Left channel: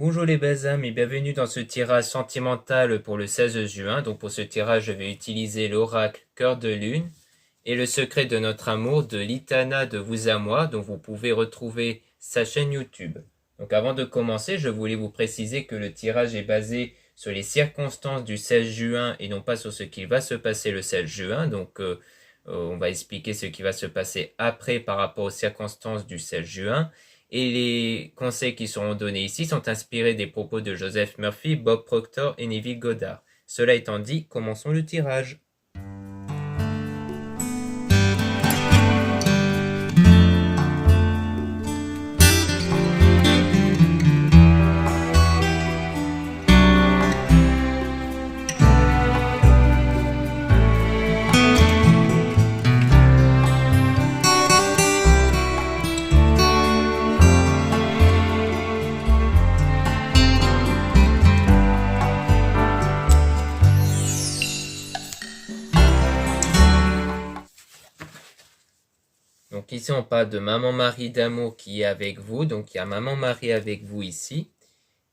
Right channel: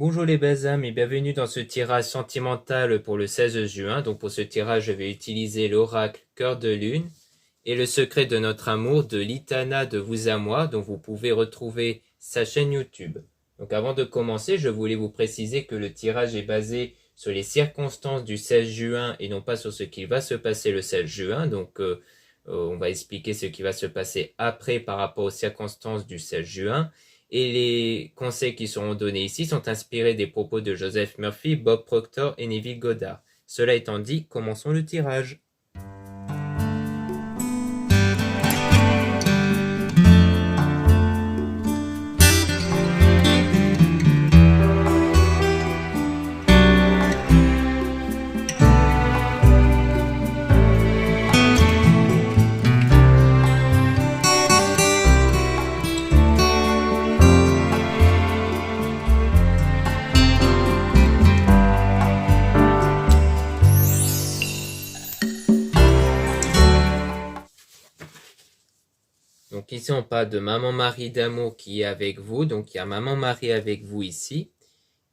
Bonjour les belles âmes et bienvenue dans ce tirage sentimental pour le 16 juin. Donc pour ce tirage, je vais utiliser l'oracle Cœur de Lune et le secret de notre amour de l'Itana de Vous à Moi, dont vous pouvez retrouver sa chaîne YouTube. Donc avant de commencer, je voulais vous préciser que le tirage est basé sur les circonstances du 16 juin et non pas sur ce qui va se passer le 16 juin. Donc on va expliquer ce qui va se passer après par rapport aux circonstances du 16 juin. Et les conseils qui seront donnés ici sont inspirés des propos de Joseph Murphy, Bob Proctor et Neville Goddard. Cela étant dit, commençons le tirage. Donc ici, on parle de Maman Marie d'amour qui est avec vous. Donc il y a Maman Marie avec vous ici.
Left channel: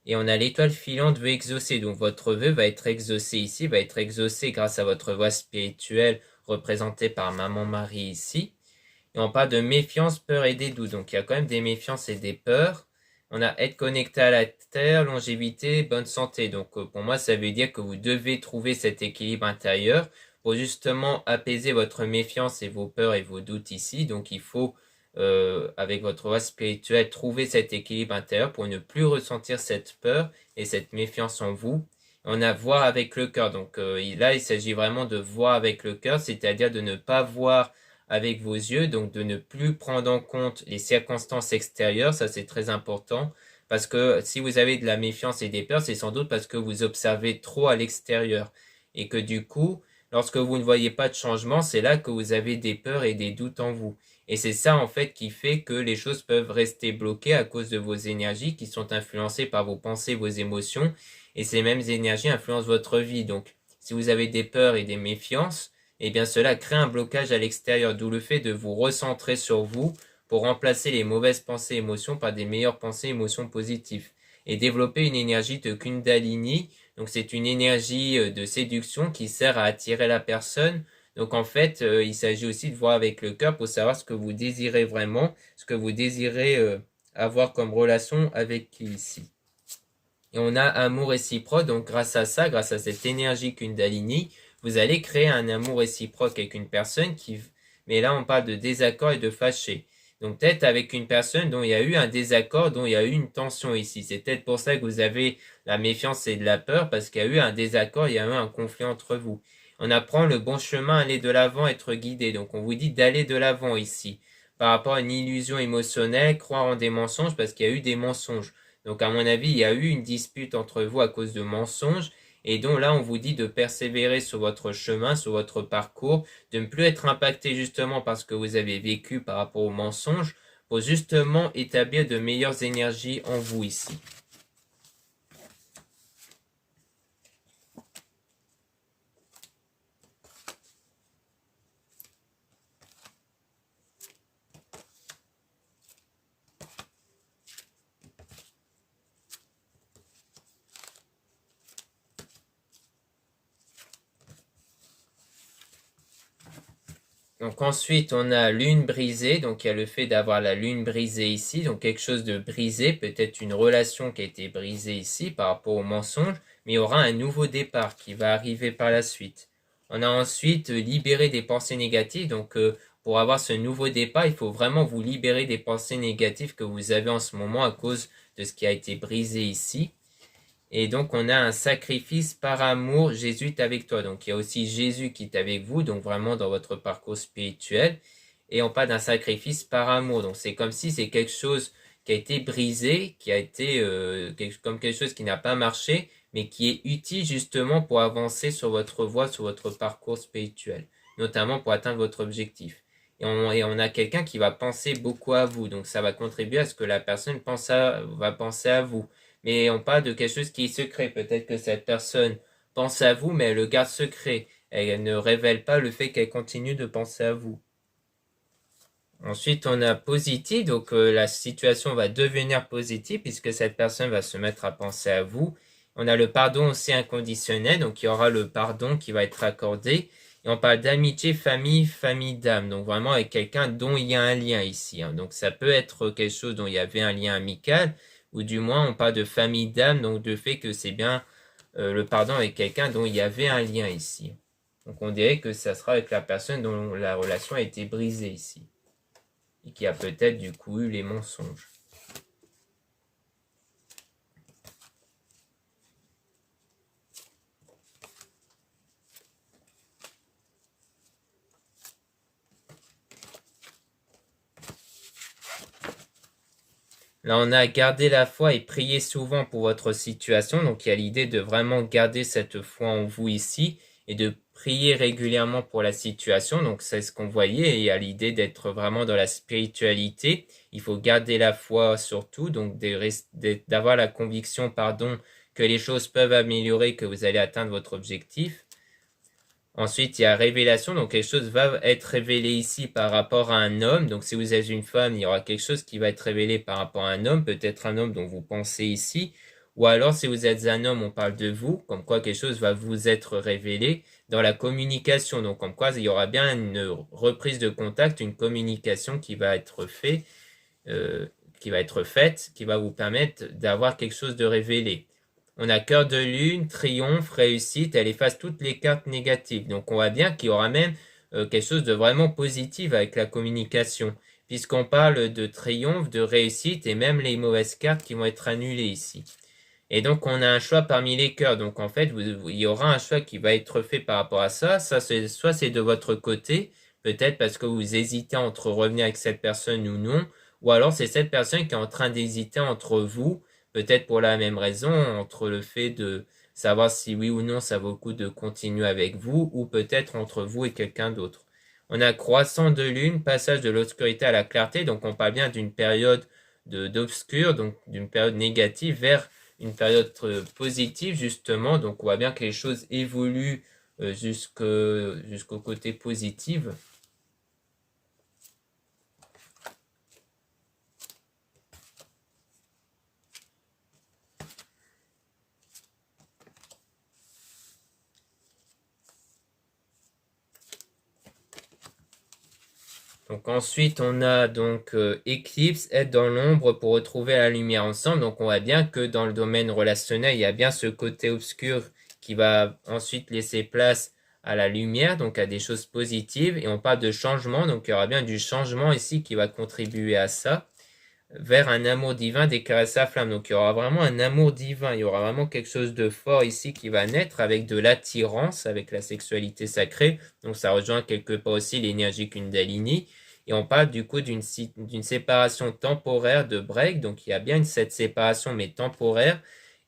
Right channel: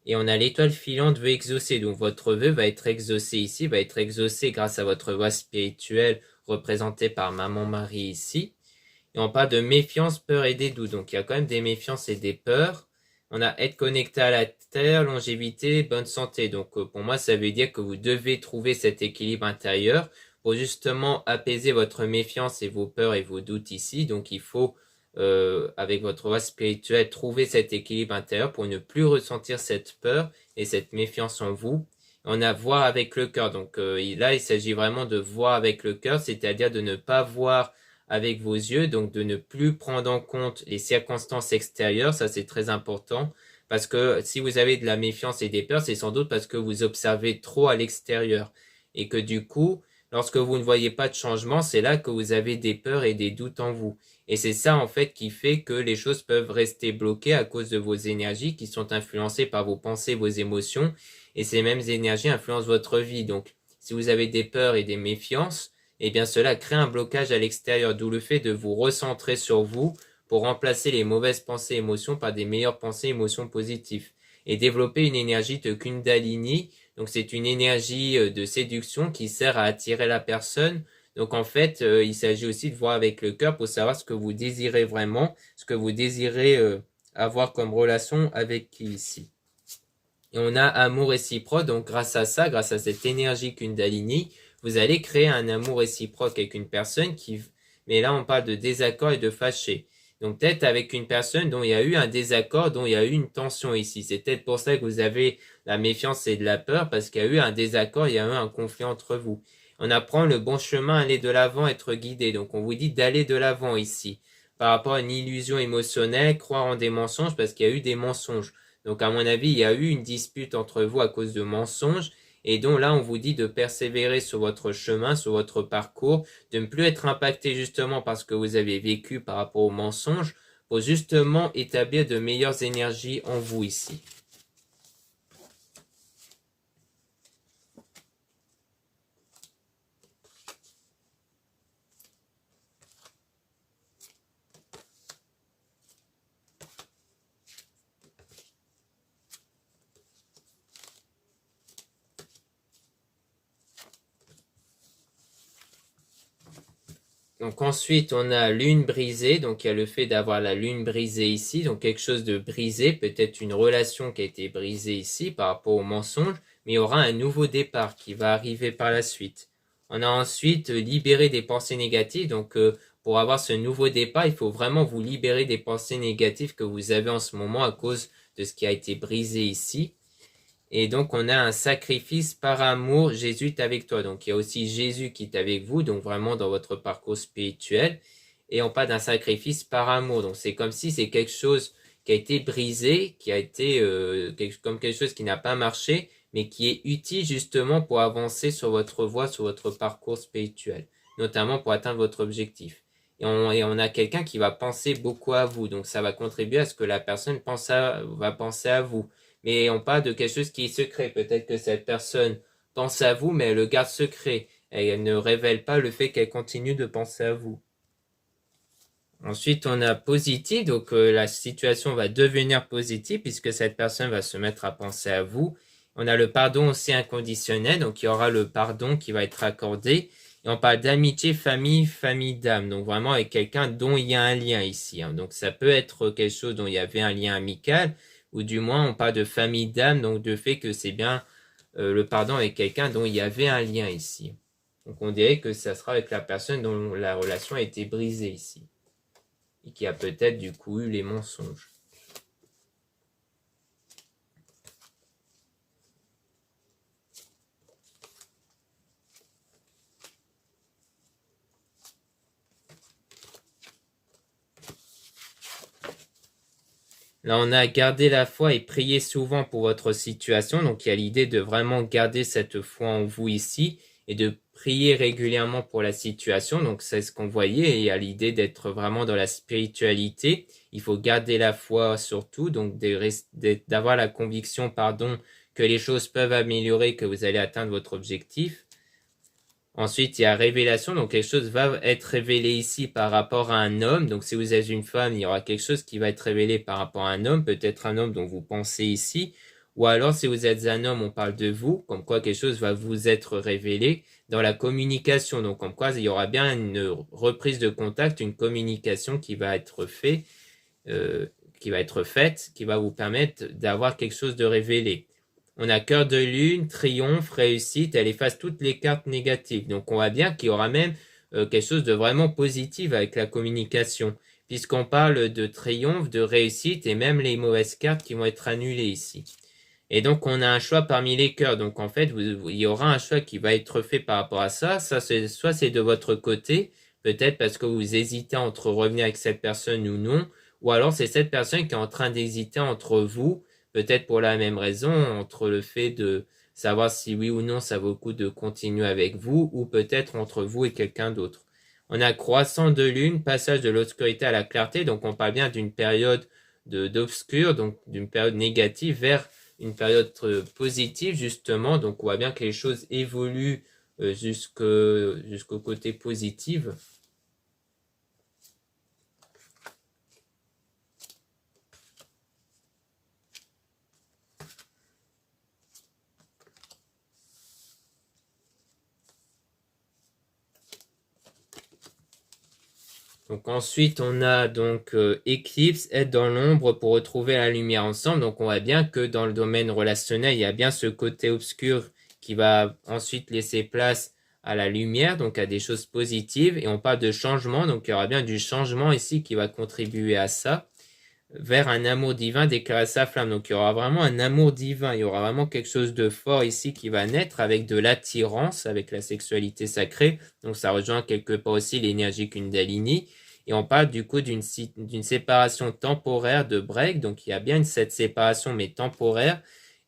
Et on a l'étoile filante veut exaucer. Donc votre vœu va être exaucé ici, va être exaucé grâce à votre voix spirituelle représentée par Maman Marie ici. Et on parle de méfiance, peur et des doutes. Donc il y a quand même des méfiances et des peurs. On a être connecté à la terre, longévité, bonne santé. Donc pour moi, ça veut dire que vous devez trouver cet équilibre intérieur pour justement apaiser votre méfiance et vos peurs et vos doutes ici. Donc il faut, avec votre voie spirituelle, trouver cet équilibre intérieur pour ne plus ressentir cette peur et cette méfiance en vous. On a voir avec le cœur. Donc là, il s'agit vraiment de voir avec le cœur, c'est-à-dire de ne pas voir avec vos yeux, donc de ne plus prendre en compte les circonstances extérieures, ça c'est très important, parce que si vous avez de la méfiance et des peurs, c'est sans doute parce que vous observez trop à l'extérieur, et que du coup, lorsque vous ne voyez pas de changement, c'est là que vous avez des peurs et des doutes en vous. Et c'est ça en fait qui fait que les choses peuvent rester bloquées à cause de vos énergies qui sont influencées par vos pensées, vos émotions, et ces mêmes énergies influencent votre vie. Donc, si vous avez des peurs et des méfiances, eh bien cela crée un blocage à l'extérieur, d'où le fait de vous recentrer sur vous pour remplacer les mauvaises pensées et émotions par des meilleures pensées et émotions positives. Et développer une énergie de Kundalini, donc c'est une énergie de séduction qui sert à attirer la personne. Donc en fait, il s'agit aussi de voir avec le cœur pour savoir ce que vous désirez vraiment, ce que vous désirez avoir comme relation avec qui ici. Et on a amour réciproque, donc grâce à ça, grâce à cette énergie Kundalini, vous allez créer un amour réciproque avec une personne qui... Mais là, on parle de désaccord et de fâché. Donc peut-être avec une personne dont il y a eu un désaccord, dont il y a eu une tension ici. C'est peut-être pour ça que vous avez la méfiance et de la peur, parce qu'il y a eu un désaccord, il y a eu un conflit entre vous. On apprend le bon chemin, aller de l'avant, être guidé. Donc on vous dit d'aller de l'avant ici. Par rapport à une illusion émotionnelle, croire en des mensonges, parce qu'il y a eu des mensonges. Donc à mon avis, il y a eu une dispute entre vous à cause de mensonges et donc là, on vous dit de persévérer sur votre chemin, sur votre parcours, de ne plus être impacté justement par ce que vous avez vécu par rapport aux mensonges pour justement établir de meilleures énergies en vous ici. Donc ensuite, on a lune brisée, donc il y a le fait d'avoir la lune brisée ici, donc quelque chose de brisé, peut-être une relation qui a été brisée ici par rapport au mensonge, mais il y aura un nouveau départ qui va arriver par la suite. On a ensuite libéré des pensées négatives, donc pour avoir ce nouveau départ, il faut vraiment vous libérer des pensées négatives que vous avez en ce moment à cause de ce qui a été brisé ici. Et donc, on a un sacrifice par amour, Jésus est avec toi. Donc, il y a aussi Jésus qui est avec vous, donc vraiment dans votre parcours spirituel. Et on parle d'un sacrifice par amour. Donc, c'est comme si c'est quelque chose qui a été brisé, qui a été comme quelque chose qui n'a pas marché, mais qui est utile justement pour avancer sur votre voie, sur votre parcours spirituel, notamment pour atteindre votre objectif. Et on a quelqu'un qui va penser beaucoup à vous. Donc, ça va contribuer à ce que la personne va penser à vous. Mais on parle de quelque chose qui est secret. Peut-être que cette personne pense à vous, mais elle le garde secret. Elle ne révèle pas le fait qu'elle continue de penser à vous. Ensuite, on a positif, donc la situation va devenir positive puisque cette personne va se mettre à penser à vous. On a le pardon aussi inconditionnel, donc il y aura le pardon qui va être accordé. Et on parle d'amitié, famille, famille d'âme, donc vraiment avec quelqu'un dont il y a un lien ici, hein. Donc ça peut être quelque chose dont il y avait un lien amical, ou du moins on parle de famille d'âme, donc de fait que c'est bien le pardon avec quelqu'un dont il y avait un lien ici. Donc on dirait que ça sera avec la personne dont la relation a été brisée ici et qui a peut-être du coup eu les mensonges. Là, on a gardé la foi et prié souvent pour votre situation. Donc, il y a l'idée de vraiment garder cette foi en vous ici et de prier régulièrement pour la situation. Donc, c'est ce qu'on voyait. Et il y a l'idée d'être vraiment dans la spiritualité. Il faut garder la foi surtout. Donc, d'avoir la conviction, pardon, que les choses peuvent améliorer, que vous allez atteindre votre objectif. Ensuite, il y a révélation, donc quelque chose va être révélé ici par rapport à un homme. Donc si vous êtes une femme, il y aura quelque chose qui va être révélé par rapport à un homme, peut-être un homme dont vous pensez ici. Ou alors si vous êtes un homme, on parle de vous, comme quoi quelque chose va vous être révélé dans la communication. Donc comme quoi il y aura bien une reprise de contact, une communication qui va être faite, qui va vous permettre d'avoir quelque chose de révélé. On a cœur de lune, triomphe, réussite, elle efface toutes les cartes négatives. Donc on voit bien qu'il y aura même quelque chose de vraiment positif avec la communication, puisqu'on parle de triomphe, de réussite et même les mauvaises cartes qui vont être annulées ici. Et donc on a un choix parmi les cœurs. Donc en fait, il y aura un choix qui va être fait par rapport à ça. Soit c'est de votre côté, peut-être parce que vous hésitez entre revenir avec cette personne ou non, ou alors c'est cette personne qui est en train d'hésiter entre vous, peut-être pour la même raison, entre le fait de savoir si oui ou non ça vaut le coup de continuer avec vous, ou peut-être entre vous et quelqu'un d'autre. On a croissant de lune, passage de l'obscurité à la clarté, donc on parle bien d'une période d'obscur, donc d'une période négative vers une période positive justement, donc on voit bien que les choses évoluent jusqu'au côté positif. Donc ensuite on a donc éclipse, être dans l'ombre pour retrouver la lumière ensemble. Donc on voit bien que dans le domaine relationnel, il y a bien ce côté obscur qui va ensuite laisser place à la lumière, donc à des choses positives. Et on parle de changement, donc il y aura bien du changement ici qui va contribuer à ça, vers un amour divin déclarer sa flamme. Donc il y aura vraiment un amour divin, il y aura vraiment quelque chose de fort ici qui va naître avec de l'attirance, avec la sexualité sacrée. Donc ça rejoint quelque part aussi l'énergie Kundalini. Et on parle du coup d'une séparation temporaire de break. Donc il y a bien cette séparation mais temporaire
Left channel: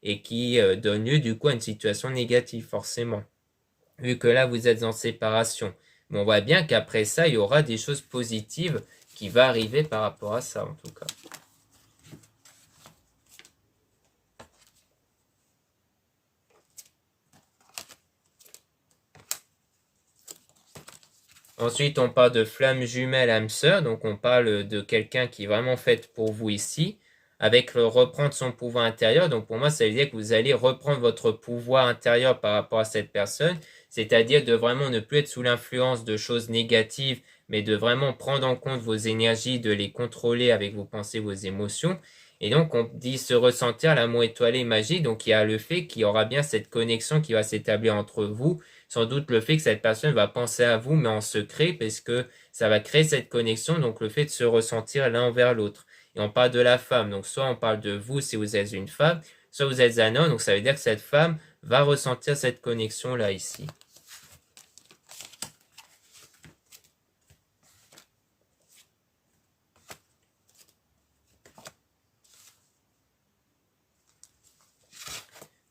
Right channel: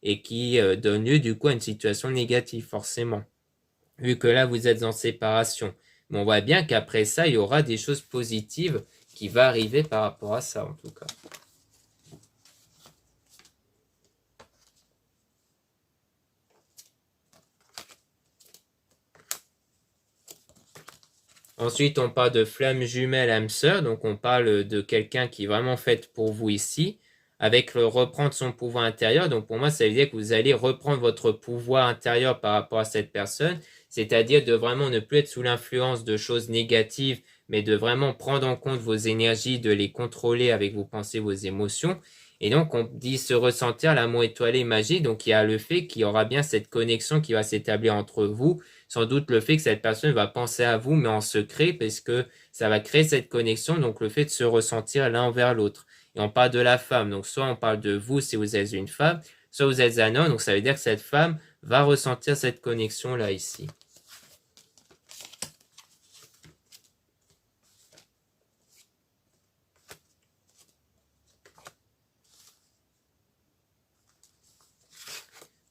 et qui donne lieu du coup à une situation négative forcément. Vu que là vous êtes en séparation. Mais on voit bien qu'après ça il y aura des choses positives qui vont arriver par rapport à ça en tout cas. Ensuite, on parle de flamme jumelle âme sœur, donc on parle de quelqu'un qui est vraiment fait pour vous ici, avec reprendre son pouvoir intérieur. Donc pour moi, ça veut dire que vous allez reprendre votre pouvoir intérieur par rapport à cette personne, c'est-à-dire de vraiment ne plus être sous l'influence de choses négatives, mais de vraiment prendre en compte vos énergies, de les contrôler avec vos pensées, vos émotions. Et donc on dit se ressentir l'amour étoilé magique, donc il y a le fait qu'il y aura bien cette connexion qui va s'établir entre vous, sans doute le fait que cette personne va penser à vous, mais en secret, parce que ça va créer cette connexion, donc le fait de se ressentir l'un envers l'autre. Et on parle de la femme, donc soit on parle de vous si vous êtes une femme, soit vous êtes un homme, donc ça veut dire que cette femme va ressentir cette connexion-là ici.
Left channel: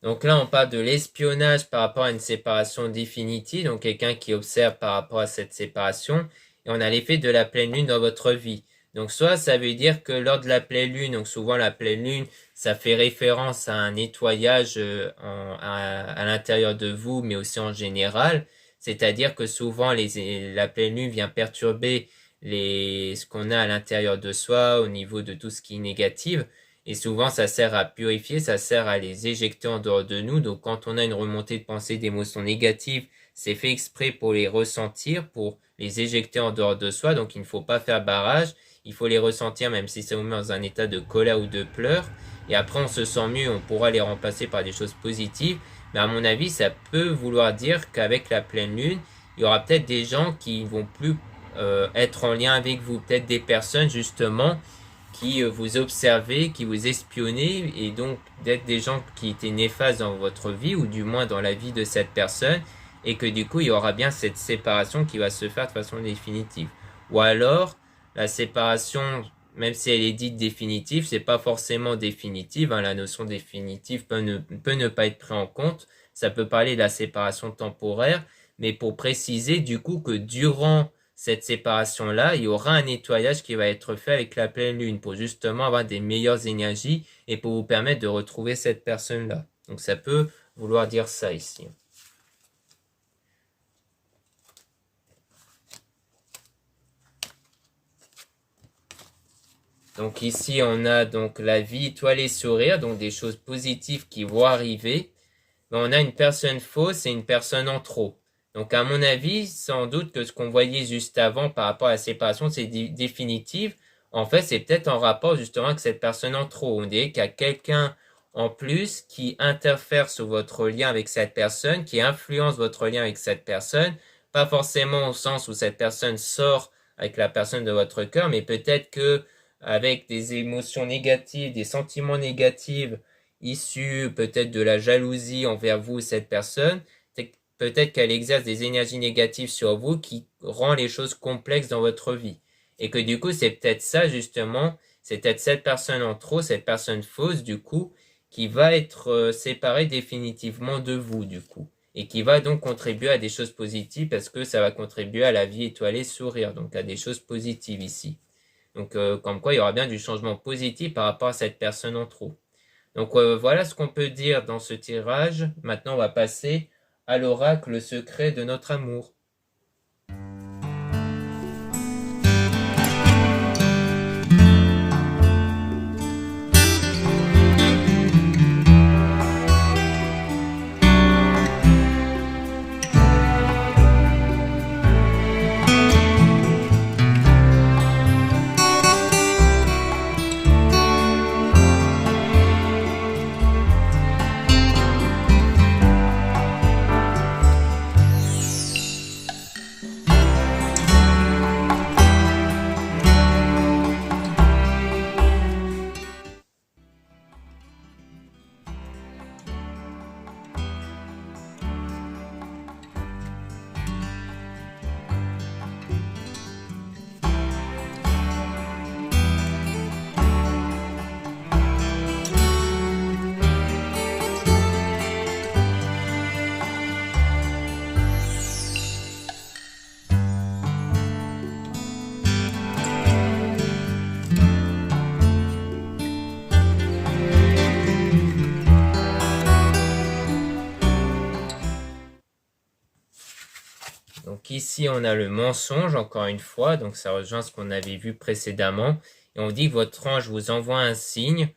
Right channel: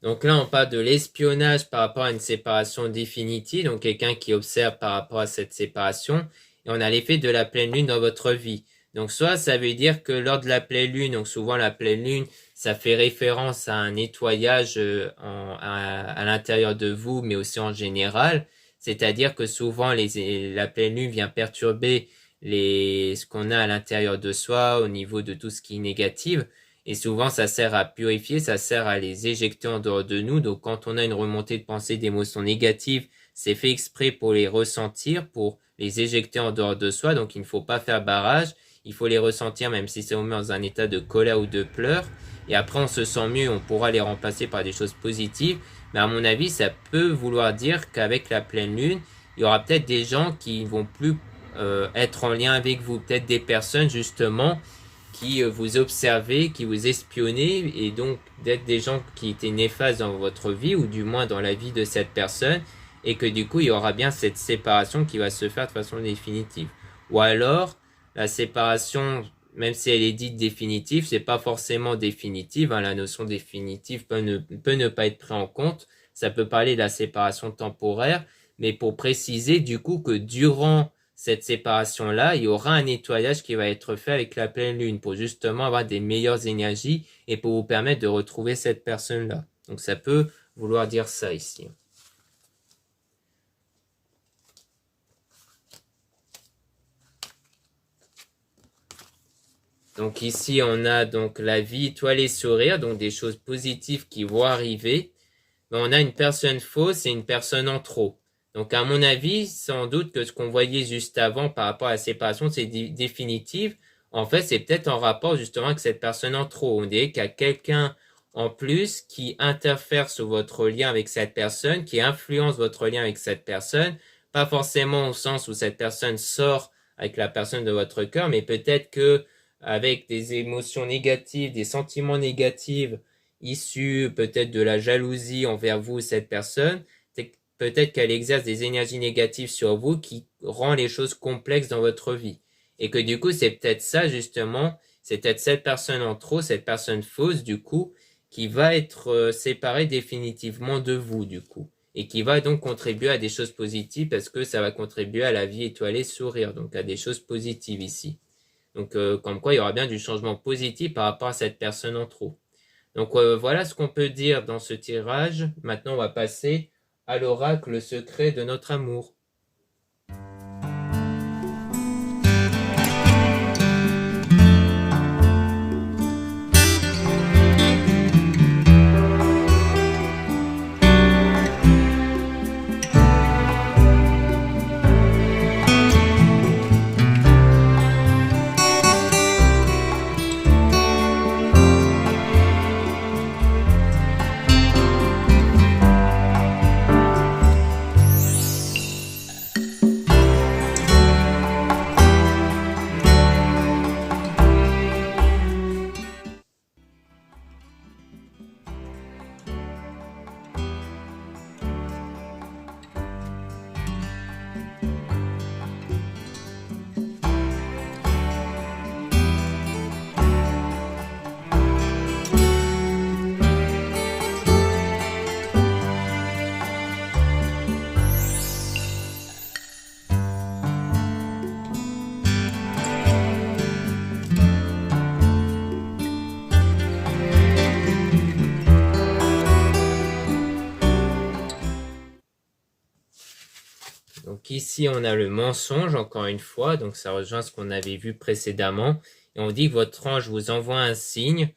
Donc là, on parle de l'espionnage par rapport à une séparation définitive, donc quelqu'un qui observe par rapport à cette séparation, et on a l'effet de la pleine lune dans votre vie. Donc soit ça veut dire que lors de la pleine lune, donc souvent la pleine lune, ça fait référence à un nettoyage à l'intérieur de vous, mais aussi en général, c'est-à-dire que souvent la pleine lune vient perturber ce qu'on a à l'intérieur de soi, au niveau de tout ce qui est négatif. Et souvent, ça sert à purifier, ça sert à les éjecter en dehors de nous. Donc, quand on a une remontée de pensée, d'émotions négatives, c'est fait exprès pour les ressentir, pour les éjecter en dehors de soi. Donc, il ne faut pas faire barrage. Il faut les ressentir, même si c'est dans un état de colère ou de pleurs. Et après, on se sent mieux, on pourra les remplacer par des choses positives. Mais à mon avis, ça peut vouloir dire qu'avec la pleine lune, il y aura peut-être des gens qui vont plus être en lien avec vous. Peut-être des personnes, justement, qui vous observaient, qui vous espionnaient, et donc d'être des gens qui étaient néfastes dans votre vie, ou du moins dans la vie de cette personne, et que du coup, il y aura bien cette séparation qui va se faire de façon définitive. Ou alors, la séparation, même si elle est dite définitive, c'est pas forcément définitive, hein, la notion définitive peut ne pas être prise en compte, ça peut parler de la séparation temporaire, mais pour préciser du coup que durant cette séparation-là, il y aura un nettoyage qui va être fait avec la pleine lune pour justement avoir des meilleures énergies et pour vous permettre de retrouver cette personne-là. Donc ça peut vouloir dire ça ici. Donc ici, on a donc la vie étoilée sourire, donc des choses positives qui vont arriver. Mais on a une personne fausse et une personne en trop. Donc à mon avis, sans doute que ce qu'on voyait juste avant par rapport à la séparation, c'est définitive. En fait, c'est peut-être en rapport justement avec cette personne en trop. On dirait qu'il y a quelqu'un en plus qui interfère sur votre lien avec cette personne, qui influence votre lien avec cette personne. Pas forcément au sens où cette personne sort avec la personne de votre cœur, mais peut-être que avec des émotions négatives, des sentiments négatifs, issus peut-être de la jalousie envers vous, cette personne, peut-être qu'elle exerce des énergies négatives sur vous qui rend les choses complexes dans votre vie. Et que du coup, c'est peut-être ça justement, c'est peut-être cette personne en trop, cette personne fausse du coup, qui va être séparée définitivement de vous du coup. Et qui va donc contribuer à des choses positives parce que ça va contribuer à la vie étoilée sourire, donc à des choses positives ici. Donc comme quoi il y aura bien du changement positif par rapport à cette personne en trop. Donc voilà ce qu'on peut dire dans ce tirage. Maintenant, on va passer à l'oracle secret de notre amour. Donc ici, on a le mensonge, encore une fois, donc ça rejoint ce qu'on avait vu précédemment. Et on dit que votre ange vous envoie un signe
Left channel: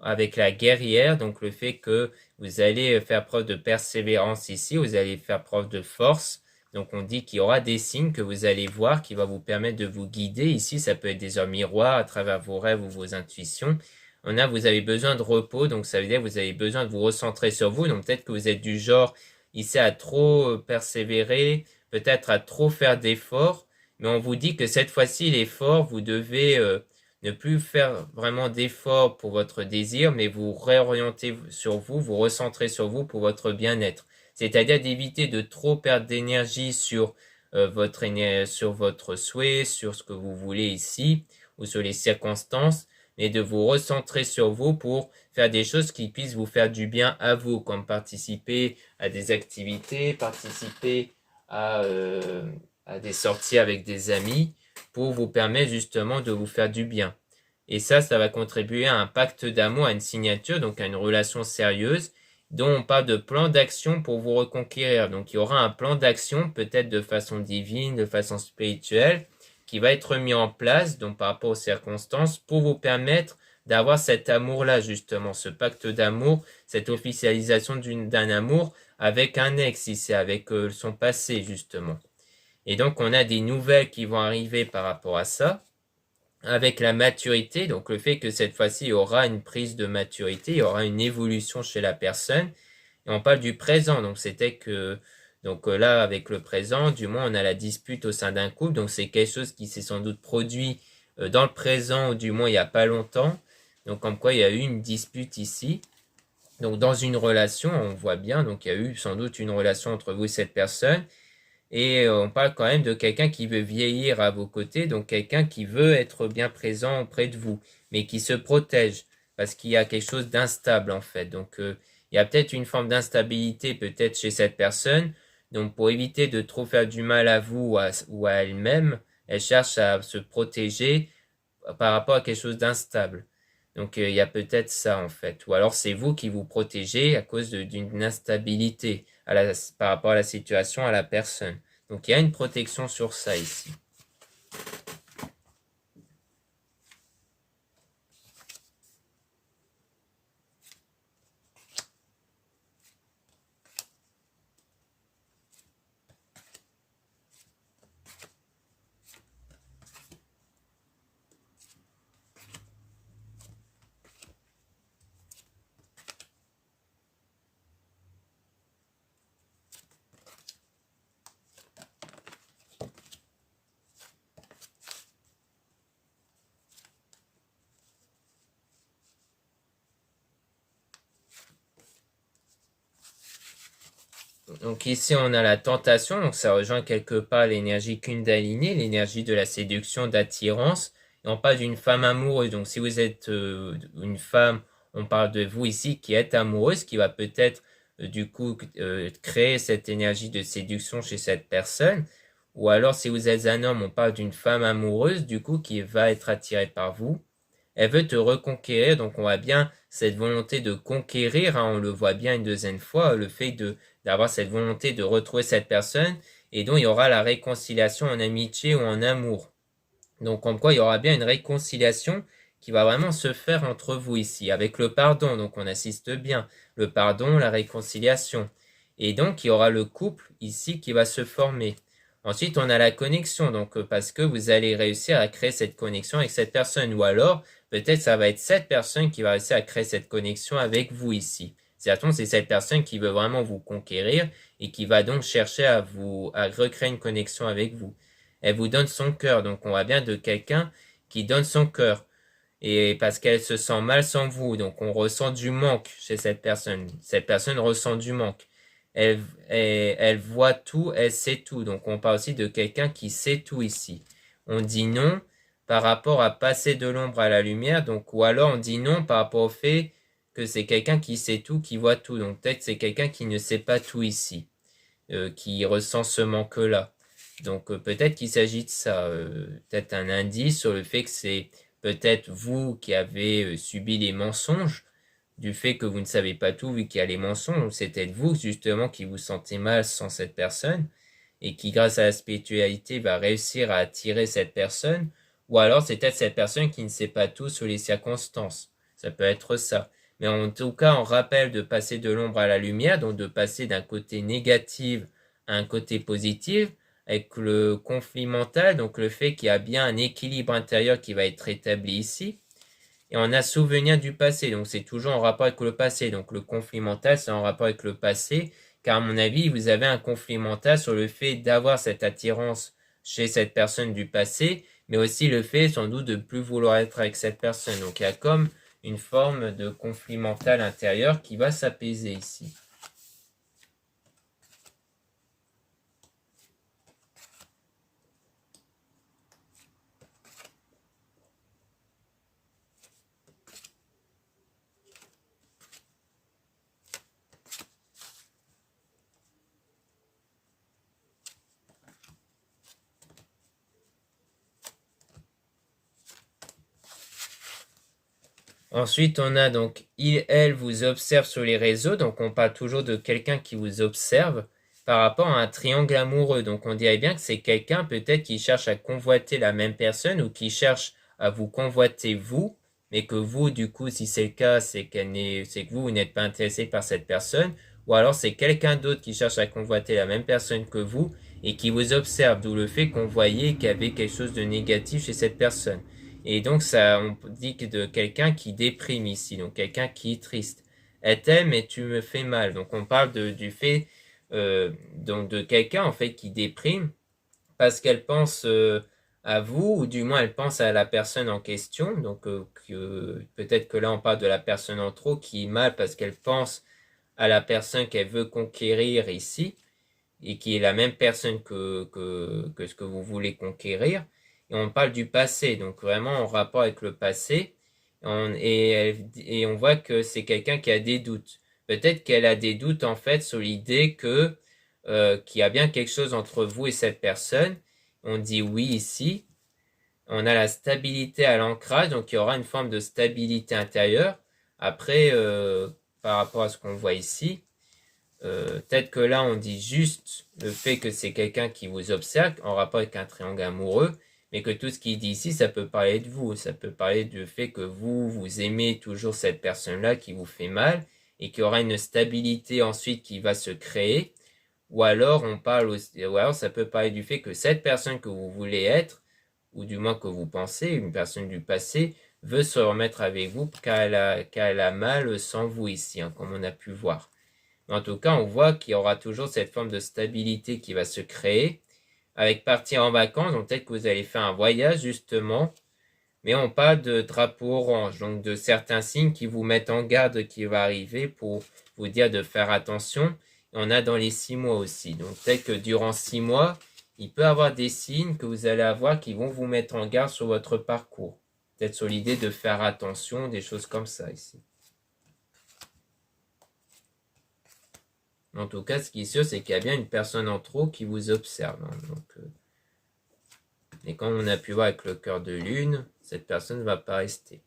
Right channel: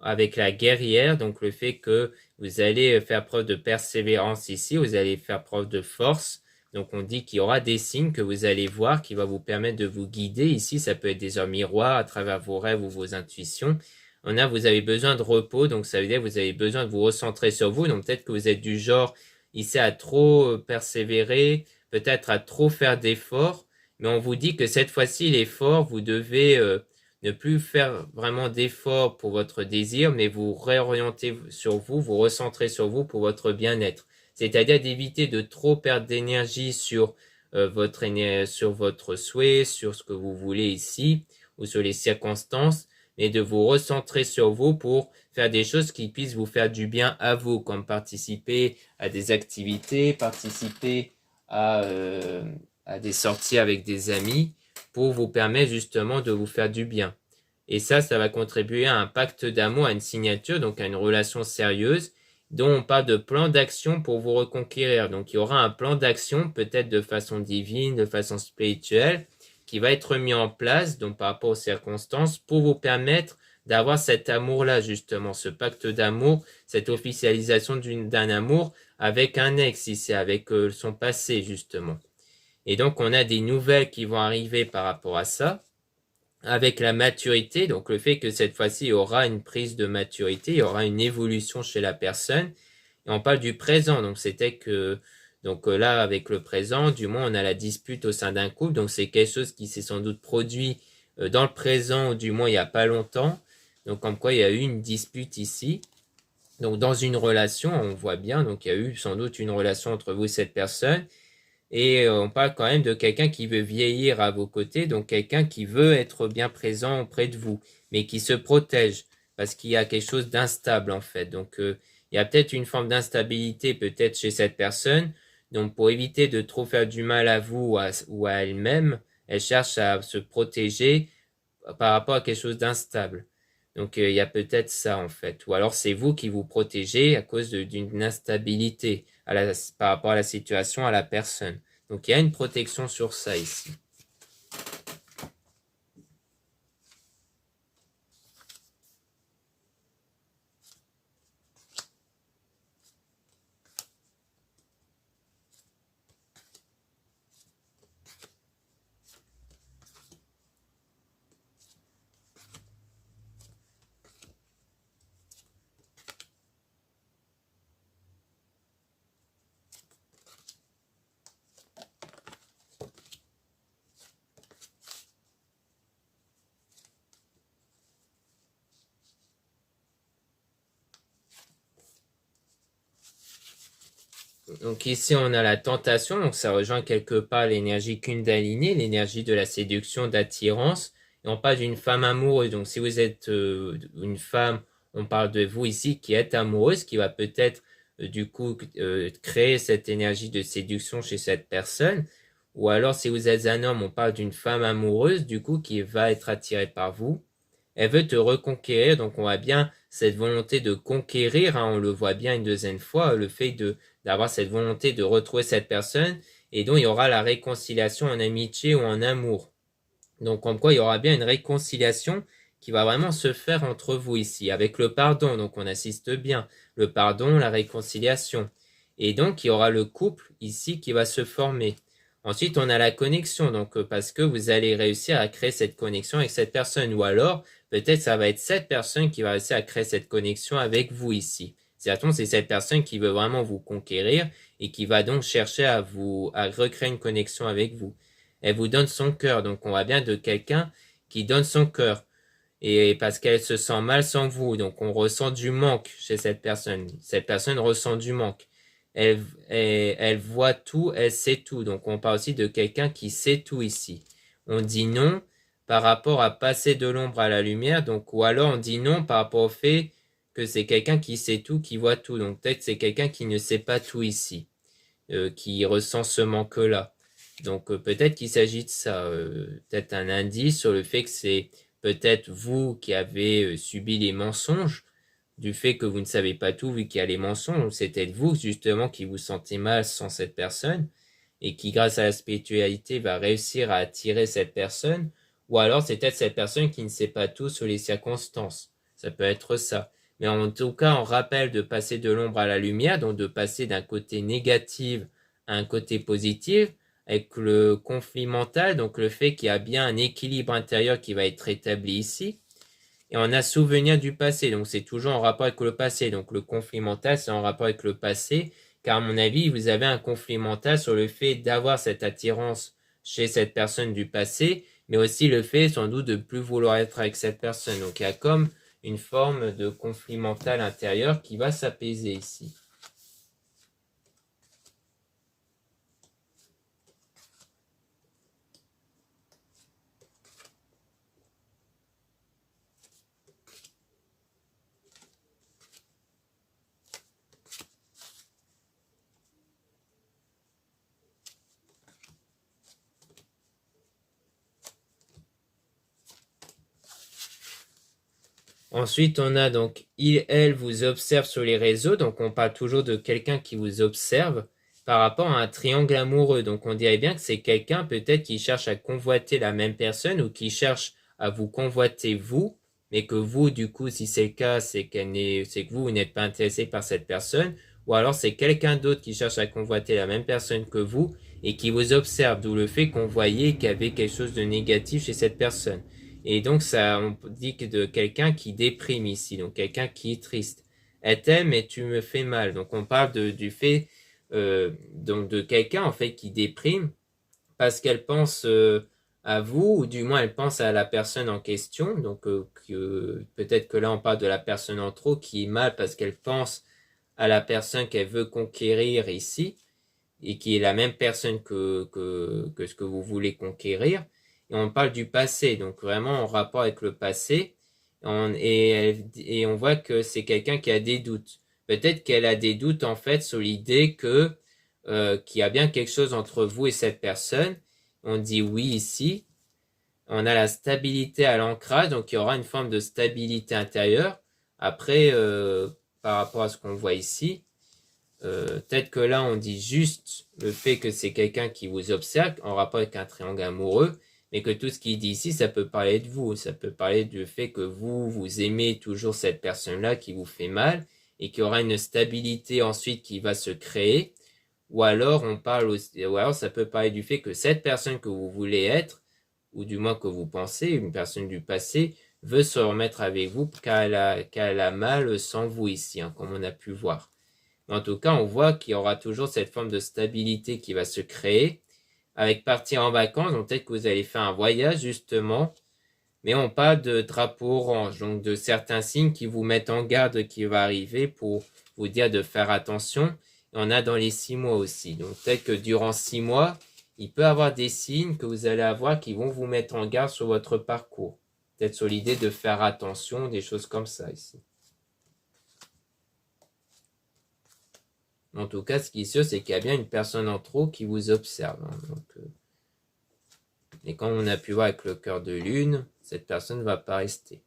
avec la guerrière, donc le fait que vous allez faire preuve de persévérance ici, vous allez faire preuve de force. Donc on dit qu'il y aura des signes que vous allez voir qui va vous permettre de vous guider. Ici, ça peut être des heures miroirs à travers vos rêves ou vos intuitions. On a, vous avez besoin de repos, donc ça veut dire que vous avez besoin de vous recentrer sur vous. Donc peut-être que vous êtes du genre ici à trop persévérer, peut-être à trop faire d'efforts, mais on vous dit que cette fois-ci, l'effort, vous devez ne plus faire vraiment d'efforts pour votre désir, mais vous réorienter sur vous, vous recentrer sur vous pour votre bien-être. C'est-à-dire d'éviter de trop perdre d'énergie sur votre souhait, sur ce que vous voulez ici, ou sur les circonstances, mais de vous recentrer sur vous pour faire des choses qui puissent vous faire du bien à vous, comme participer à des activités, participer à des sorties avec des amis pour vous permettre justement de vous faire du bien. Et ça va contribuer à un pacte d'amour, à une signature, donc à une relation sérieuse, dont on parle de plan d'action pour vous reconquérir. Donc il y aura un plan d'action, peut-être de façon divine, de façon spirituelle, qui va être mis en place, donc par rapport aux circonstances, pour vous permettre d'avoir cet amour-là, justement, ce pacte d'amour, cette officialisation d'un amour avec un ex, ici, avec son passé, justement. Et donc, on a des nouvelles qui vont arriver par rapport à ça, avec la maturité, donc le fait que cette fois-ci, il y aura une prise de maturité, il y aura une évolution chez la personne. Et on parle du présent, donc c'était que, donc là, avec le présent, du moins, on a la dispute au sein d'un couple, donc c'est quelque chose qui s'est sans doute produit dans le présent, ou du moins il n'y a pas longtemps. Donc, comme quoi il y a eu une dispute ici. Donc, dans une relation, on voit bien, donc il y a eu sans doute une relation entre vous et cette personne. Et on parle quand même de quelqu'un qui veut vieillir à vos côtés, donc quelqu'un qui veut être bien présent auprès de vous, mais qui se protège, parce qu'il y a quelque chose d'instable en fait. Donc il y a peut-être une forme d'instabilité peut-être chez cette personne. Donc pour éviter de trop faire du mal à vous ou à elle-même, elle cherche à se protéger par rapport à quelque chose d'instable. Donc il y a peut-être ça en fait. Ou alors c'est vous qui vous protégez à cause d'une instabilité par rapport à la situation, à la personne. Donc il y a une protection sur ça ici. Donc ici on a la tentation, donc ça rejoint quelque part l'énergie Kundalini, l'énergie de la séduction, d'attirance. Et on parle d'une femme amoureuse, donc si vous êtes une femme, on parle de vous ici qui êtes amoureuse, qui va peut-être du coup créer cette énergie de séduction chez cette personne. Ou alors si vous êtes un homme, on parle d'une femme amoureuse du coup qui va être attirée par vous. Elle veut te reconquérir, donc on voit bien cette volonté de conquérir, hein, on le voit bien une deuxième fois, le fait d'avoir cette volonté de retrouver cette personne, et donc il y aura la réconciliation en amitié ou en amour. Donc comme quoi il y aura bien une réconciliation qui va vraiment se faire entre vous ici, avec le pardon, donc on assiste bien, le pardon, la réconciliation. Et donc il y aura le couple ici qui va se former. Ensuite, on a la connexion, donc parce que vous allez réussir à créer cette connexion avec cette personne, ou alors peut-être ça va être cette personne qui va réussir à créer cette connexion avec vous ici. C'est cette personne qui veut vraiment vous conquérir et qui va donc chercher à recréer une connexion avec vous. Elle vous donne son cœur, donc on voit bien de quelqu'un qui donne son cœur. Et parce qu'elle se sent mal sans vous, donc on ressent du manque chez cette personne. Cette personne ressent du manque. Elle voit tout, elle sait tout. Donc on parle aussi de quelqu'un qui sait tout ici. On dit non par rapport à passer de l'ombre à la lumière, donc ou alors on dit non par rapport au fait que c'est quelqu'un qui sait tout, qui voit tout. Donc peut-être c'est quelqu'un qui ne sait pas tout ici, qui ressent ce manque-là. Donc peut-être qu'il s'agit de ça, peut-être un indice sur le fait que c'est peut-être vous qui avez subi les mensonges, du fait que vous ne savez pas tout vu qu'il y a les mensonges, c'est peut-être vous justement qui vous sentez mal sans cette personne et qui grâce à la spiritualité va réussir à attirer cette personne, ou alors c'est peut-être cette personne qui ne sait pas tout sur les circonstances. Ça peut être ça. Mais en tout cas, on rappelle de passer de l'ombre à la lumière, donc de passer d'un côté négatif à un côté positif, avec le conflit mental, donc le fait qu'il y a bien un équilibre intérieur qui va être établi ici. Et on a souvenir du passé, donc c'est toujours en rapport avec le passé. Donc le conflit mental, c'est en rapport avec le passé, car à mon avis, vous avez un conflit mental sur le fait d'avoir cette attirance chez cette personne du passé, mais aussi le fait sans doute de ne plus vouloir être avec cette personne. Donc il y a comme une forme de conflit mental intérieur qui va s'apaiser ici. Ensuite, on a donc il, elle vous observe sur les réseaux. Donc, on parle toujours de quelqu'un qui vous observe. par rapport à un triangle amoureux. Donc on dirait bien que c'est quelqu'un peut-être qui cherche à convoiter la même personne ou qui cherche à vous convoiter vous, mais que vous, du coup, si c'est le cas, c'est que vous n'êtes pas intéressé par cette personne, ou alors c'est quelqu'un d'autre qui cherche à convoiter la même personne que vous et qui vous observe, d'où le fait qu'on voyait qu'il y avait quelque chose de négatif chez cette personne. Et donc ça, on dit que de quelqu'un qui déprime ici, donc quelqu'un qui est triste. Elle t'aime et tu me fais mal. Donc on parle du fait donc de quelqu'un en fait qui déprime parce qu'elle pense à vous, ou du moins elle pense à la personne en question. Donc peut-être que là on parle de la personne en trop qui est mal parce qu'elle pense à la personne qu'elle veut conquérir ici et qui est la même personne que ce que vous voulez conquérir. Et on parle du passé, donc vraiment en rapport avec le passé. Et on voit que c'est quelqu'un qui a des doutes. Peut-être qu'elle a des doutes en fait sur l'idée qu'il y a bien quelque chose entre vous et cette personne. On dit oui ici. On a la stabilité à l'ancrage, donc il y aura une forme de stabilité intérieure. Après, par rapport à ce qu'on voit ici, peut-être que là, on dit juste le fait que c'est quelqu'un qui vous observe en rapport avec un triangle amoureux, mais que tout ce qu'il dit ici, ça peut parler de vous. Ça peut parler du fait que vous aimez toujours cette personne-là qui vous fait mal et qu'il y aura une stabilité ensuite qui va se créer. Ou alors, ou alors ça peut parler du fait que cette personne que vous voulez être, ou du moins que vous pensez, une personne du passé, veut se remettre avec vous car elle a mal sans vous ici, hein, comme on a pu voir. En tout cas, on voit qu'il y aura toujours cette forme de stabilité qui va se créer avec partir en vacances. Donc peut-être que vous allez faire un voyage justement, mais on parle de drapeau orange, donc de certains signes qui vous mettent en garde qui va arriver pour vous dire de faire attention. Il y en a dans les 6 mois aussi. Donc peut-être que durant 6 mois, il peut y avoir des signes que vous allez avoir qui vont vous mettre en garde sur votre parcours. Peut-être sur l'idée de faire attention, des choses comme ça ici. En tout cas, ce qui est sûr, c'est qu'il y a bien une personne en trop qui vous observe, hein. Et comme on a pu voir avec le cœur de lune, cette personne ne va pas rester.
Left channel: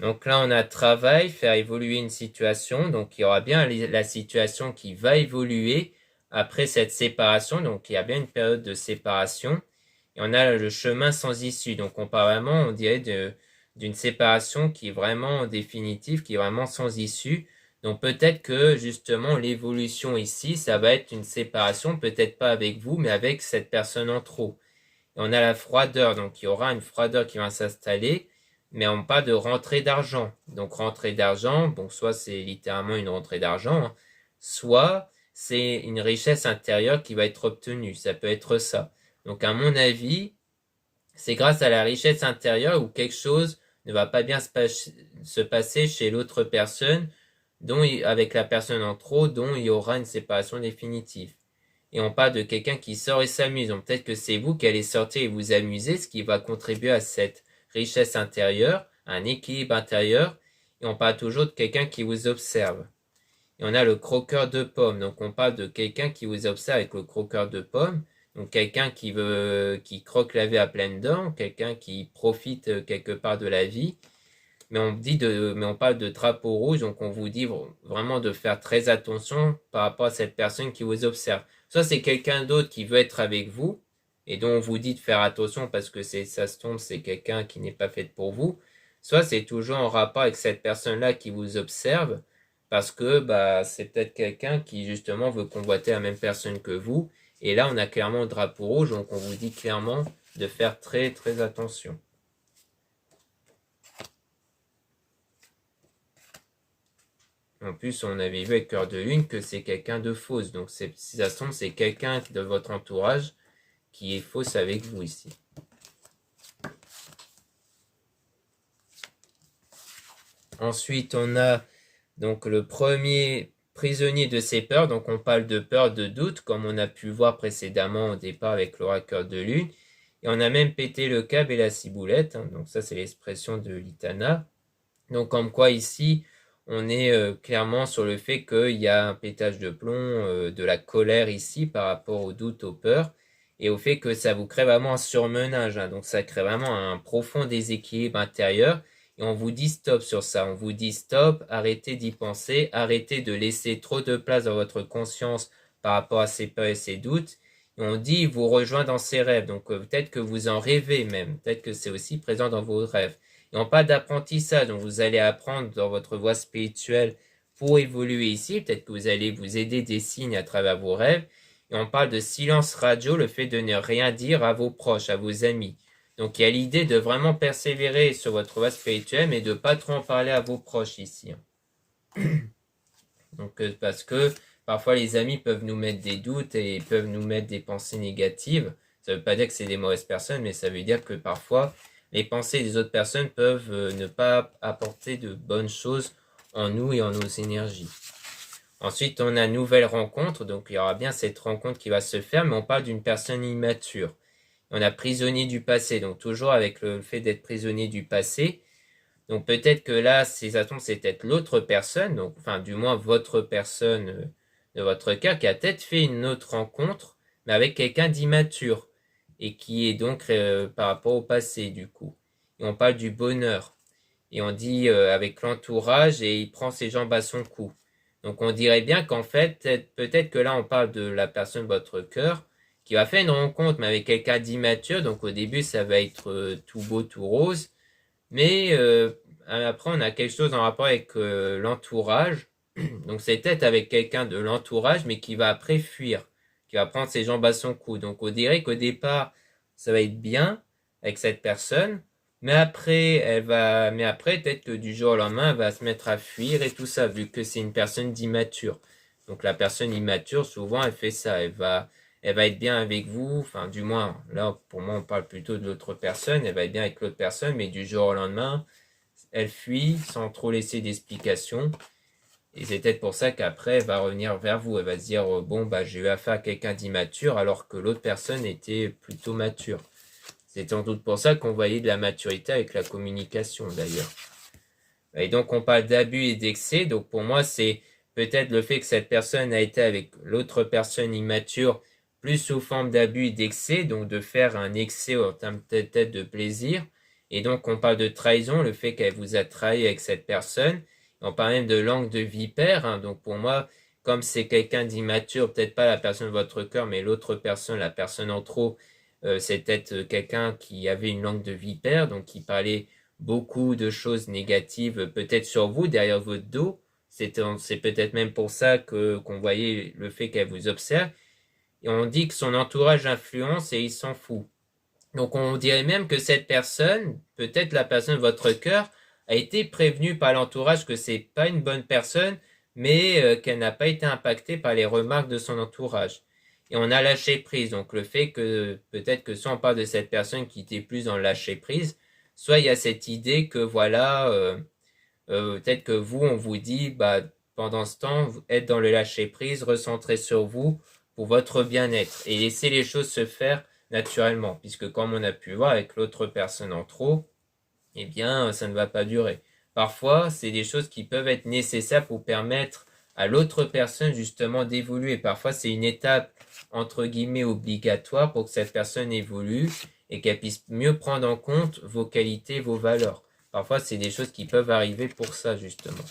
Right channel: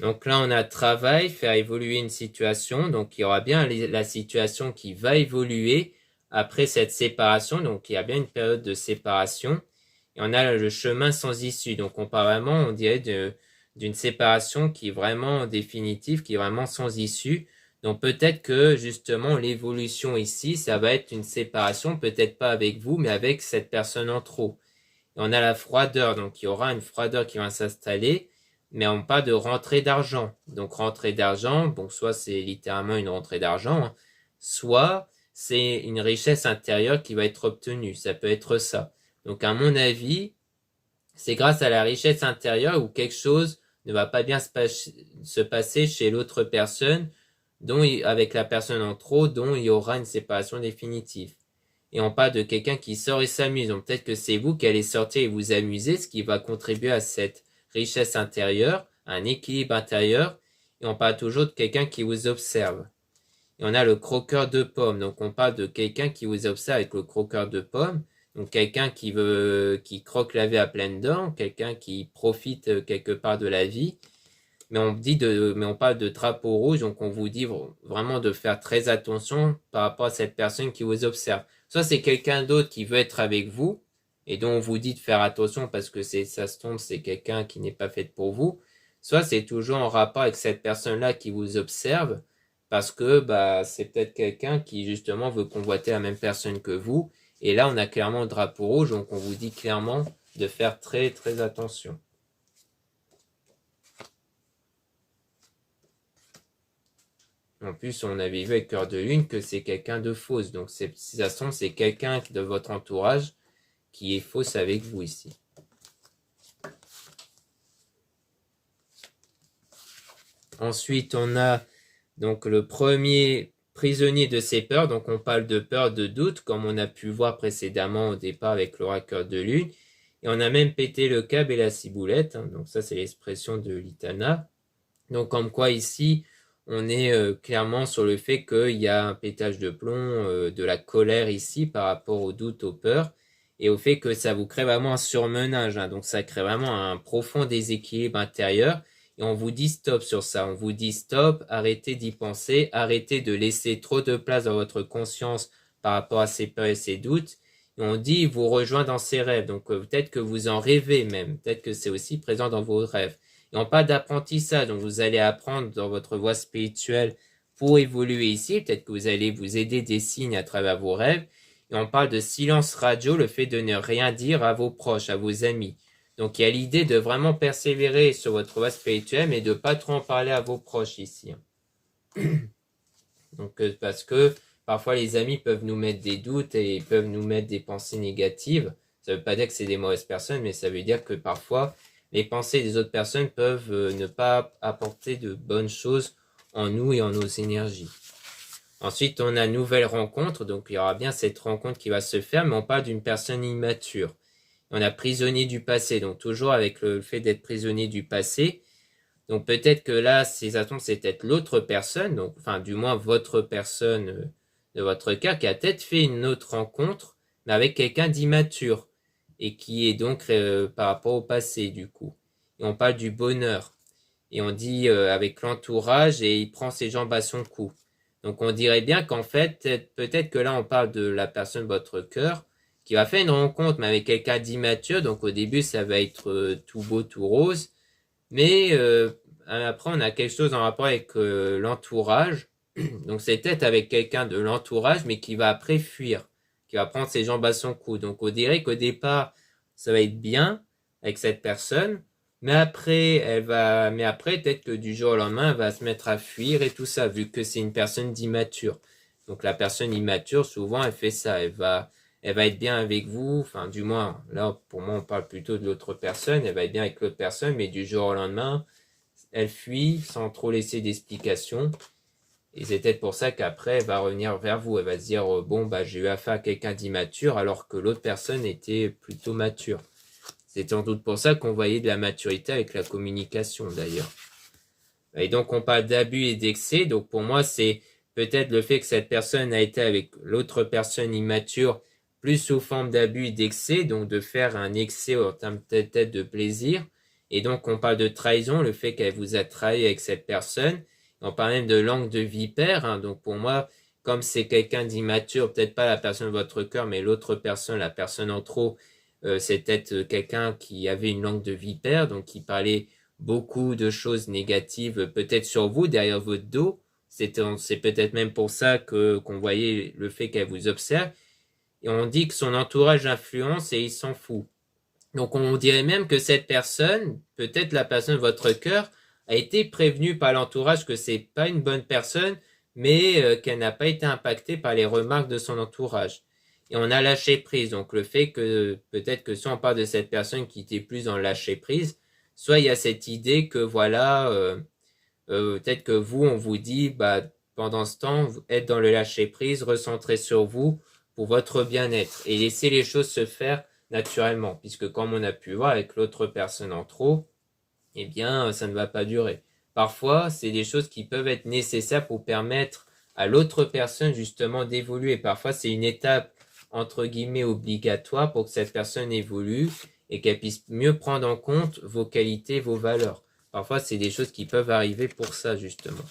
Donc là, on a travail, faire évoluer une situation. Donc il y aura bien la situation qui va évoluer après cette séparation. Donc il y a bien une période de séparation. Et on a le chemin sans issue. Donc on parle vraiment, on dirait, d'une séparation qui est vraiment définitive, qui est vraiment sans issue. Donc peut-être que justement l'évolution ici, ça va être une séparation, peut-être pas avec vous, mais avec cette personne en trop. Et on a la froideur, donc il y aura une froideur qui va s'installer, mais on parle de rentrée d'argent. Donc rentrée d'argent, bon, soit c'est littéralement une rentrée d'argent, hein, soit c'est une richesse intérieure qui va être obtenue. Ça peut être ça. Donc à mon avis, c'est grâce à la richesse intérieure où quelque chose ne va pas bien se passer chez l'autre personne, avec la personne en trop, dont il y aura une séparation définitive. Et on parle de quelqu'un qui sort et s'amuse. Donc peut-être que c'est vous qui allez sortir et vous amuser, ce qui va contribuer à cette richesse intérieure, à un équilibre intérieur. Et on parle toujours de quelqu'un qui vous observe. Et on a le croqueur de pommes. Donc on parle de quelqu'un qui vous observe avec le croqueur de pommes. Donc quelqu'un qui croque la vie à pleines dents, quelqu'un qui profite quelque part de la vie. Mais on parle de drapeau rouge, donc on vous dit vraiment de faire très attention par rapport à cette personne qui vous observe. Soit c'est quelqu'un d'autre qui veut être avec vous, et dont on vous dit de faire attention parce que ça se tombe, c'est quelqu'un qui n'est pas fait pour vous. Soit c'est toujours en rapport avec cette personne-là qui vous observe, parce que bah, c'est peut-être quelqu'un qui justement veut convoiter la même personne que vous. Et là, on a clairement le drapeau rouge, donc on vous dit clairement de faire très très attention. En plus, on avait vu avec Cœur de Lune que c'est quelqu'un de fausse. Donc, si ça se tombe, c'est quelqu'un de votre entourage qui est fausse avec vous ici. Ensuite, on a donc le premier prisonnier de ses peurs. Donc, on parle de peur, de doute, comme on a pu voir précédemment au départ avec l'oracle de Lune. Et on a même pété le câble et la ciboulette, hein. Donc, ça, c'est l'expression de l'Itana. Donc, comme quoi ici, on est clairement sur le fait qu'il y a un pétage de plomb, de la colère ici par rapport au doute, aux peurs. et au fait que ça vous crée vraiment un surmenage, hein. Donc ça crée vraiment un profond déséquilibre intérieur. Et on vous dit stop sur ça. On vous dit stop, arrêtez d'y penser, arrêtez de laisser trop de place dans votre conscience par rapport à ces peurs et ces doutes. Et on dit vous rejoint dans ses rêves. Donc peut-être que vous en rêvez même. Peut-être que c'est aussi présent dans vos rêves. Et on parle d'apprentissage. Donc vous allez apprendre dans votre voie spirituelle pour évoluer ici. Peut-être que vous allez vous aider des signes à travers vos rêves. Et on parle de silence radio, le fait de ne rien dire à vos proches, à vos amis. Donc il y a l'idée de vraiment persévérer sur votre voie spirituelle, mais de ne pas trop en parler à vos proches ici. Donc parce que parfois les amis peuvent nous mettre des doutes et peuvent nous mettre des pensées négatives. Ça ne veut pas dire que c'est des mauvaises personnes, mais ça veut dire que parfois les pensées des autres personnes peuvent ne pas apporter de bonnes choses en nous et en nos énergies. Ensuite, on a nouvelle rencontre, donc il y aura bien cette rencontre qui va se faire, mais on parle d'une personne immature. On a prisonnier du passé, donc toujours avec le fait d'être prisonnier du passé. Donc peut-être que là, ces atomes, c'est peut-être l'autre personne, donc enfin du moins votre personne de votre cœur, qui a peut-être fait une autre rencontre, mais avec quelqu'un d'immature, et qui est donc par rapport au passé du coup. Et on parle du bonheur, et on dit avec l'entourage, et il prend ses jambes à son cou. Donc on dirait bien qu'en fait, peut-être que là on parle de la personne de votre cœur, qui va faire une rencontre, mais avec quelqu'un d'immature. Donc au début, ça va être tout beau, tout rose. Mais après, on a quelque chose en rapport avec l'entourage. Donc c'est peut-être avec quelqu'un de l'entourage, mais qui va après fuir, qui va prendre ses jambes à son cou. Donc on dirait qu'au départ, ça va être bien avec cette personne. Mais après, peut-être que du jour au lendemain, elle va se mettre à fuir et tout ça, vu que c'est une personne d'immature. Donc la personne immature, souvent, elle fait ça. Elle va être bien avec vous, enfin du moins, là pour moi on parle plutôt de l'autre personne, elle va être bien avec l'autre personne, mais du jour au lendemain, elle fuit sans trop laisser d'explication. Et c'est peut-être pour ça qu'après elle va revenir vers vous, elle va se dire bon bah j'ai eu affaire à quelqu'un d'immature alors que l'autre personne était plutôt mature. C'est sans doute pour ça qu'on voyait de la maturité avec la communication d'ailleurs. Et donc on parle d'abus et d'excès, donc pour moi c'est peut-être le fait que cette personne a été avec l'autre personne immature plus sous forme d'abus et d'excès, donc de faire un excès en termes peut-être de plaisir. Et donc on parle de trahison, le fait qu'elle vous a trahi avec cette personne. On parle même de langue de vipère, hein. Donc pour moi, comme c'est quelqu'un d'immature, peut-être pas la personne de votre cœur, mais l'autre personne, la personne en trop, c'est peut-être quelqu'un qui avait une langue de vipère, donc qui parlait beaucoup de choses négatives, peut-être sur vous, derrière votre dos. C'est peut-être même pour ça qu'on voyait le fait qu'elle vous observe. Et on dit que son entourage influence et il s'en fout. Donc on dirait même que cette personne, peut-être la personne de votre cœur, a été prévenue par l'entourage que c'est pas une bonne personne, mais qu'elle n'a pas été impactée par les remarques de son entourage. Et on a lâché prise. Donc le fait que peut-être que soit on parle de cette personne qui était plus dans le lâcher prise, soit il y a cette idée que voilà, peut-être que vous, on vous dit, bah, pendant ce temps, être dans le lâcher prise, recentrer sur vous pour votre bien-être et laisser les choses se faire naturellement, puisque comme on a pu voir avec l'autre personne en trop, eh bien, ça ne va pas durer. Parfois, c'est des choses qui peuvent être nécessaires pour permettre à l'autre personne justement d'évoluer. Parfois, c'est une étape entre guillemets obligatoire pour que cette personne évolue et qu'elle puisse mieux prendre en compte vos qualités, vos valeurs. Parfois, c'est des choses qui peuvent arriver pour ça, justement.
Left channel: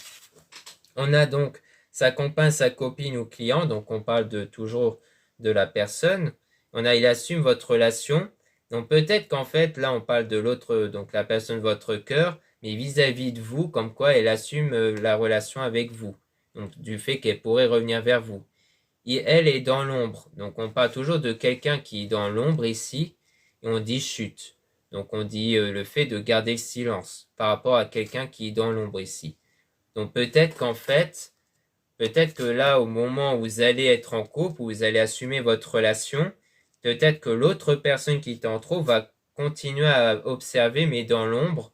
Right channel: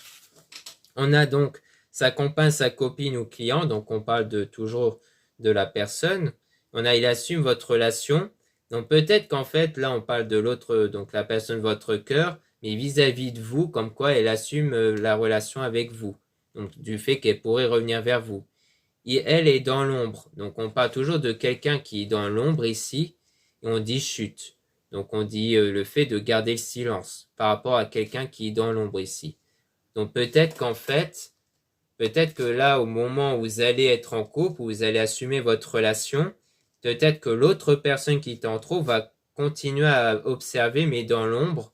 On a donc sa compagne, sa copine ou client, donc on parle toujours de la personne. On a il assume votre relation. Donc peut-être qu'en fait, là, on parle de l'autre, donc la personne de votre cœur, mais vis-à-vis de vous, comme quoi elle assume la relation avec vous. Donc du fait qu'elle pourrait revenir vers vous. Et elle est dans l'ombre. Donc on parle toujours de quelqu'un qui est dans l'ombre ici, et on dit chute. Donc on dit le fait de garder le silence par rapport à quelqu'un qui est dans l'ombre ici. Donc peut-être qu'en fait, peut-être que là, au moment où vous allez être en couple, où vous allez assumer votre relation, peut-être que l'autre personne qui est en trop va continuer à observer, mais dans l'ombre.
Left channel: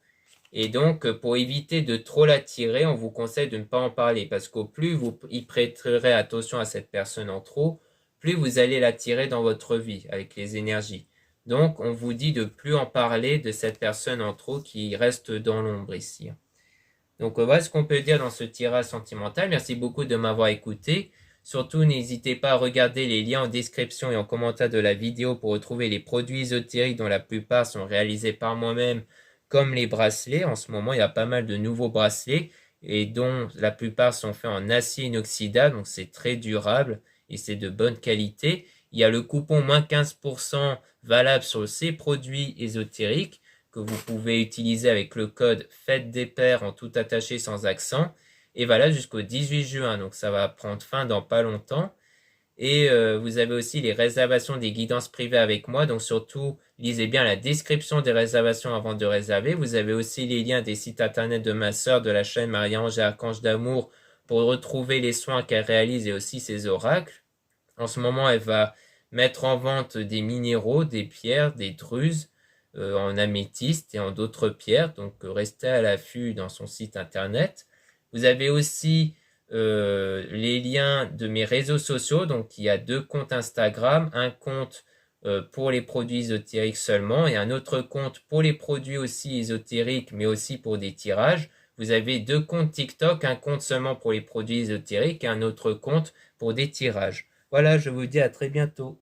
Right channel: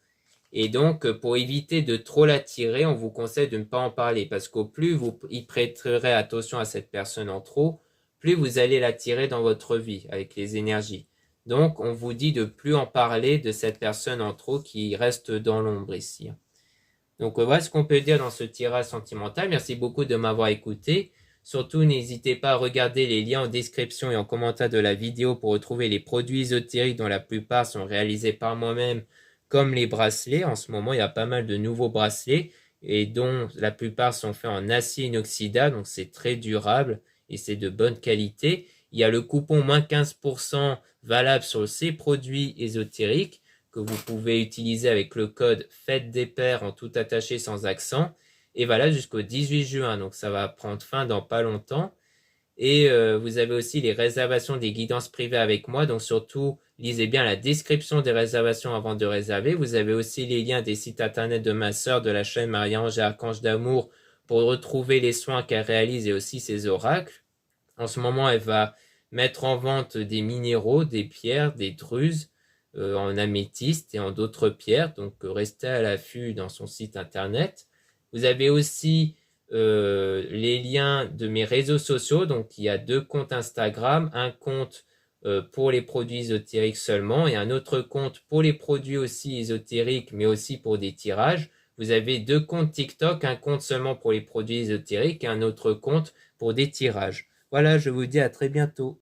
Et donc, pour éviter de trop l'attirer, on vous conseille de ne pas en parler, parce qu'au plus vous y prêterez attention à cette personne en trop, plus vous allez l'attirer dans votre vie, avec les énergies. Donc, on vous dit de plus en parler de cette personne en trop qui reste dans l'ombre ici. Donc voilà ce qu'on peut dire dans ce tirage sentimental. Merci beaucoup de m'avoir écouté. Surtout, n'hésitez pas à regarder les liens en description et en commentaire de la vidéo pour retrouver les produits ésotériques dont la plupart sont réalisés par moi-même, comme les bracelets. En ce moment, il y a pas mal de nouveaux bracelets et dont la plupart sont faits en acier inoxydable, donc c'est très durable et c'est de bonne qualité. Il y a le coupon moins 15% valable sur ces produits ésotériques que vous pouvez utiliser avec le code Fête des Pères en tout attaché sans accent. Et voilà jusqu'au 18 juin, donc ça va prendre fin dans pas longtemps. Et vous avez aussi les réservations des guidances privées avec moi, donc surtout lisez bien la description des réservations avant de réserver. Vous avez aussi les liens des sites internet de ma sœur de la chaîne Marie-Ange et Archange d'Amour pour retrouver les soins qu'elle réalise et aussi ses oracles. En ce moment, elle va mettre en vente des minéraux, des pierres, des druses en améthyste et en d'autres pierres, donc restez à l'affût dans son site internet. Vous avez aussi les liens de mes réseaux sociaux. Donc, il y a 2 comptes Instagram, un compte pour les produits ésotériques seulement et un autre compte pour les produits aussi ésotériques, mais aussi pour des tirages. Vous avez 2 comptes TikTok, un compte seulement pour les produits ésotériques et un autre compte pour des tirages. Voilà, je vous dis à très bientôt.